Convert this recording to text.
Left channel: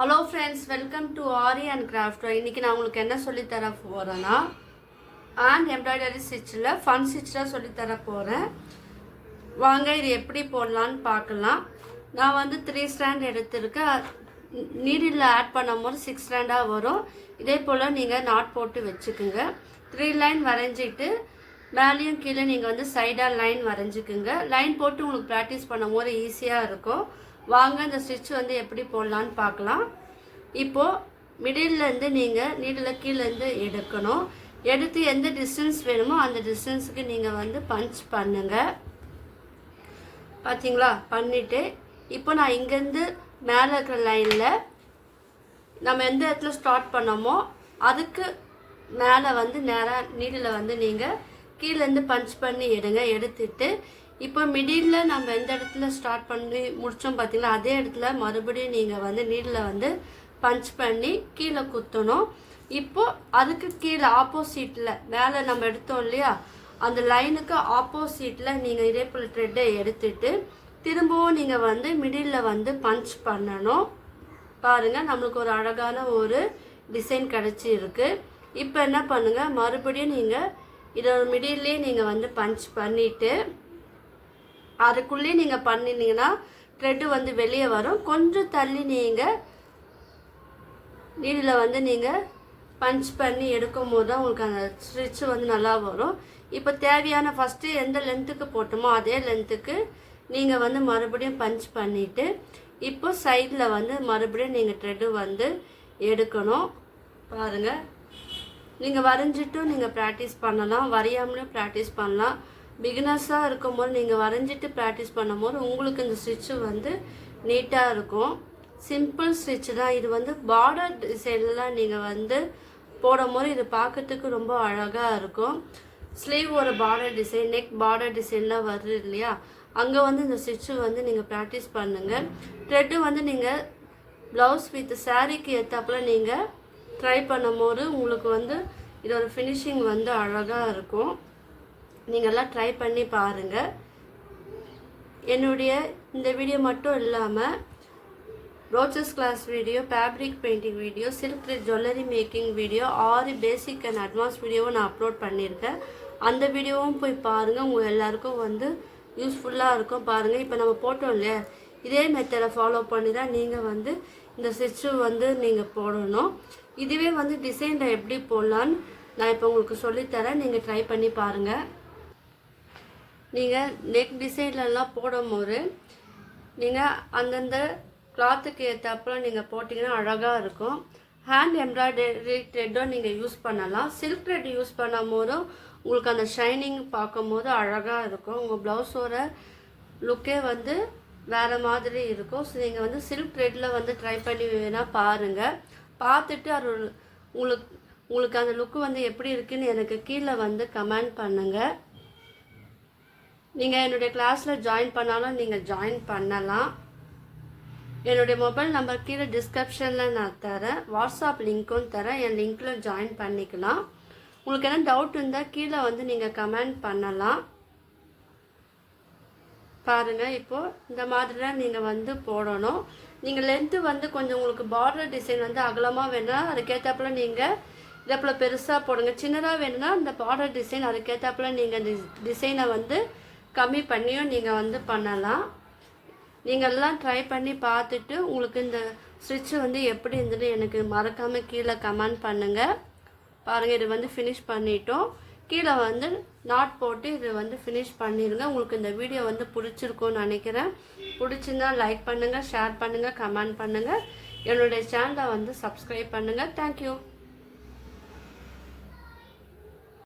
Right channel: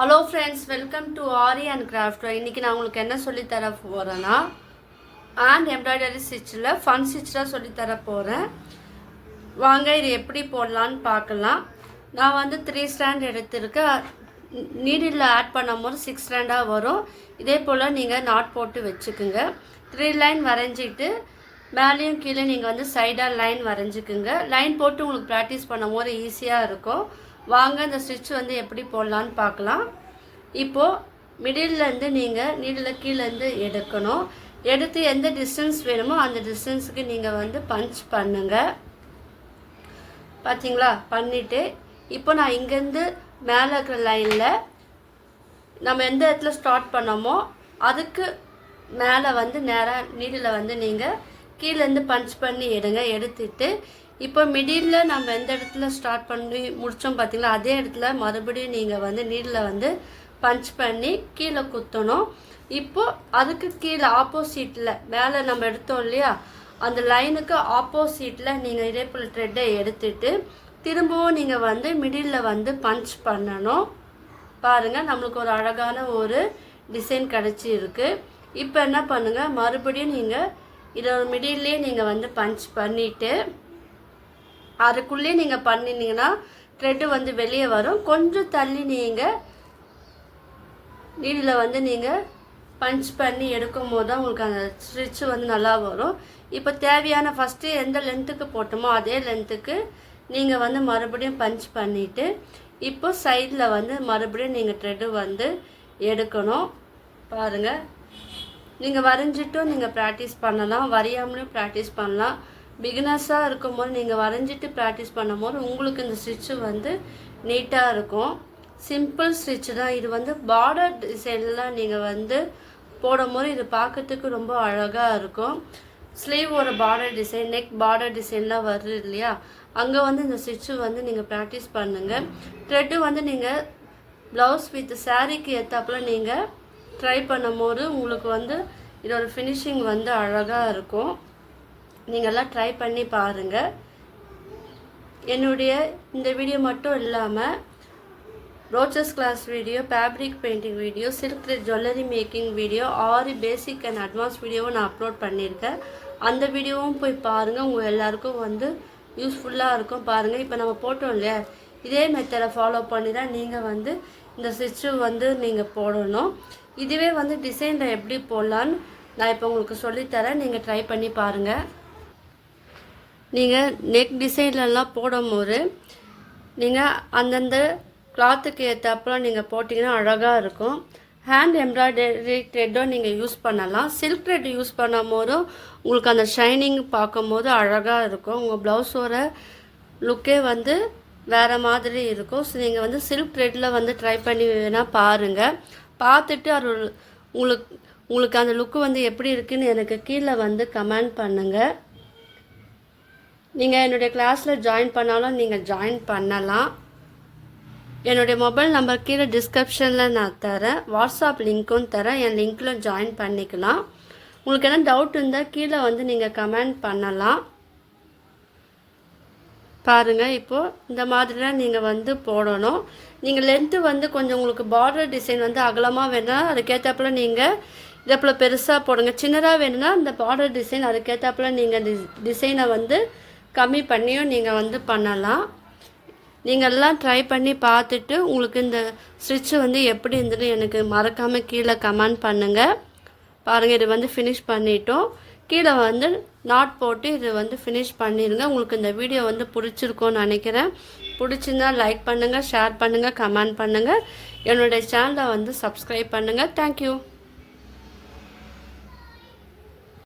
Hello friends, welcome to aari and craft. இன்றைக்கி நான் உங்களுக்கு என்ன சொல்லித்தர போகிறேன்னா, ஹேண்ட் எம்ப்ராய்டரி ஸ்டிச்சில் ஃபன் ஸ்டிச்சாக சொல்லித்தர போகிறேன். வாங்க இது எப்படி போடலான்னு பார்க்கலாம். நான் வந்து 3 ஸ்டாண்ட் எடுத்திருக்கேன். நீடில் ஆட் பண்ணும் போது 6 ஸ்டாண்டாக வரும். இதே போல் நீங்கள் நாட் போட்டு வச்சுக்குங்க. 3 லைன் வரைஞ்சிட்டு மேலேயும் கீழே நீங்கள் வந்து சைடாக லைன் வரைஞ்சிக்குங்க. லைன் போட்டு உங்களுக்கு ப்ராக்டிஸ் பண்ணும் போது ஈஸியாக இருக்கும். வாங்க இந்த ஸ்டிச் வந்து எப்படி போடலான்னு பார்க்கலாம். இப்போது மிடில்லேருந்து நீங்கள் நீடில் கீழேருந்து எடுக்கணும். எடுத்து எந்த டிஸ்டன்ஸ் வேணுமோ அந்த டிஸ்டன்ஸுக்கு நீங்கள் வந்து பஞ்ச் பண்ணுங்கள். பார்த்தீங்களா? பண்ணிவிட்டு இப்போ நான் இங்கேருந்து மேலே இருக்கிற லைனில் நம்ம எந்த இடத்துல ஸ்டார்ட் பண்ணோமோ அதுக்கு மேலே வந்து நேராக நீடில் வந்து நீங்கள் கீழேருந்து பஞ்ச் பண்ணி எடுங்க. எடுத்துட்டு இப்போ மிடில் நம்ம எந்த இடத்துல ஸ்டார்ட் பண்ணி முடித்தோம் பார்த்தீங்களா, அதே இடத்துல மறுபடியும் நீங்கள் வந்து நீடில் வந்து பஞ்ச் பண்ணி கீழே குத்தணும். இப்போது அதுக்கு கீழே ஆப்போசிட்டில் மேலே நம்ம எடுத்தோம் இல்லையா, அந்த லைனுக்கு ஆப்போசிட்டில் நீங்கள் இதே போல் த்ரெட்டை எடுத்துட்டு திரும்பவும் நீங்கள் வந்து மிடில் வந்து பஞ்ச் பண்ணணும். பாருங்கள், நம்மளுக்கு ஒரு அழகான ஒரு டிசைன் கிடச்சி இருக்குது. இப்போ என்ன பண்ணுங்கள், மறுபடியும் நீங்கள் இதோட மிடில்லே நீங்கள் வந்து பஞ்ச் பண்ணிவிட்டு அதுக்குள்ளேயே நீங்கள் பண்ணினீங்கன்னா த்ரெட்டு வந்து வெளியே வரும். கொஞ்சம் தள்ளி நீங்கள் நீடில் வந்து நீங்கள் பஞ்ச் பண்ணி எடுக்கும் போது தான் உங்களுக்கு அந்த ஸ்டிச்சு வந்து நல்லா வரும். இப்போ தேவையான ஃபஸ்ட்டு எந்த லென்த்துக்கு போட்டோமோ அதே லென்த்துக்கு நீங்கள் வந்து மறுபடியும் பஞ்ச் பண்ணிவிட்டு இப்போ சைடில் வந்து மறுபடியும் நீங்கள் த்ரெட்டு வந்து எடுக்கணும். பாருங்கள், நீங்கள் வரைஞ்சிட்டும் நீங்கள் ப்ராக்டிஸ் பண்ணலாம், வரையாமலும் ப்ராக்டிஸ் பண்ணலாம். பிகினர்ஸாக இருக்கும்போது நீங்கள் வரைஞ்சிட்டு ப்ராக்டிஸ் பண்ணும்போது உங்களுக்கு இந்த ஸ்டிச்சு வந்து நீட்டாக இருக்கும். சிம்பிள் ஸ்டிச்சு தான் இது. வந்து பார்டர் டிசைன்லாம் நீங்கள் வந்து போடும்போது இது பார்க்கறதுக்கு ரொம்ப அழகாக இருக்கும். ஸ்லீவ் ஒரு பார்டர் டிசைன், நெக் பார்டர் டிசைன்லாம் வருது இல்லையா, அங்கே வந்து இந்த ஸ்டிச்சு வந்து நீங்கள் ப்ராக்டிஸ் பண்ணுங்கள். த்ரெட்டு வந்து நீங்கள் ப்ளவுஸ் வித் சாரீக்கு ஏற்றாப்புல நீங்கள் ட்ரை பண்ணும்போது உங்களுக்கு வந்து இதோட ஃபினிஷிங் வந்து அழகாக இருக்கும். நீங்கள்லாம் ட்ரை பண்ணி பாருங்கள். என்னுடைய இந்த வீடியோ மட்டும் இல்லாமல் ரோச்சஸ் class video, fabric painting video, silk thread jewellery making video, aari basic and advance வீடியோவும் நான் அப்லோட் பண்ணியிருக்கேன். அந்த வீடியோவும் போய் பாருங்கள். உங்கள் எல்லாருக்கும் வந்து யூஸ்ஃபுல்லாக இருக்கும். பாருங்கள், இப்போ நம்ம போட்டோம் இல்லையா, இதே மெத்தடை ஃபாலோ பண்ணி தான் நீங்கள் வந்து இந்த ஸ்டிச்சு வந்து நீங்கள் போடணும். இதுவே வந்து டிசைனில் எப்படி போடலான்னு நான் இப்போ உங்களுக்கு சொல்லித்தரேன். நீங்கள் ட்ரை பண்ணி பாருங்கள். நீங்கள் நெக் டிசைன்லலாம் போடும்போது நீங்கள் அந்தந்த கிளாத்துக்கு ஏற்றாப்புல நீங்கள் போட்டிங்கன்னா அழகாக இருக்கும். ஹேண்ட் எம்ப்ராய்டரி த்ரெட்டும் நீங்கள் யூஸ் பண்ணலாம். சில்க் த்ரெட் யூஸ் பண்ணும் போதும் உங்களுக்கு அந்த ஷைனிங் பார்க்கும்போது அழகாக இருக்கும். உங்கள் ப்ளவுஸோட லுக்கே வந்து வேறு மாதிரி இருக்கும். ஸோ நீங்கள் வந்து சில்க் த்ரெட்டில் வந்து ட்ரை பண்ணி வேணால் பாருங்கள். பார்த்துட்டு அது உங்களுக்கு அந்த லுக்கு வந்து எப்படி இருக்குதுன்னு எனக்கு கீழே வந்து கமெண்ட் பண்ணுங்கள். நீங்கள் என்னுடைய கிளாஸில் ஜாயின் பண்ணாலும் நீங்கள் ஜாயின் பண்ணலாம். என்னுடைய மொபைல் நம்பர் கீழே டிஸ்கிரிப்ஷனில் நான் தரேன், வாட்ஸ்அப் லிங்க்கும் தரேன். என் லிங்க்கில் ஜாயின் பண்ணிக்கலாம். உங்களுக்கு என்ன டவுட் இருந்தால் கீழே வந்து நீங்கள் கமெண்ட் பண்ணலாம். பாருங்கள், இப்போது இந்த மாதிரி தான் நீங்கள் வந்து போடணும். நீங்கள் லென்த்து வந்து கொஞ்சம் உங்களுக்கு பார்டர் டிசைன் வந்து அகலமாக வேணும்னா அதுக்கேற்றாப்புல நீங்கள் இதே போல் பெருசாக போடுங்க. சின்னதாக வேணும்னா இந்த பார்டர் டிசைன் அதுக்கேற்றாப்புல நீங்கள் டிசைனை வந்து கம்மி பண்ணியும் நீங்கள் வந்து பண்ணலாம். நீங்கள் எல்லாம் ட்ரை பண்ணி பார்த்துட்டு உங்களுக்கு இந்த ஸ்டிச்சு வந்து எப்படி இருந்தது எனக்கு மறக்காமல் கீழே கமெண்ட் பண்ணுங்கள். பாருங்கள், இது வந்து ஃபினிஷ் பண்ணிட்டோம். கீழே வந்து நாட் போட்டு இது வந்து ஃபினிஷ் பண்ணிடுங்க. உங்களுக்கு இந்த வீடியோ வந்து பிடிச்சிருக்கோன்னு நினைக்கிறேன். பிடிச்சிருந்தா லைக் பண்ணுங்கள், ஷேர் பண்ணுங்கள், கமெண்ட் பண்ணுங்கள். என்னுடைய சேனலை வந்து சப்ஸ்கிரைப் பண்ணுங்கள். தேங்க்யூ.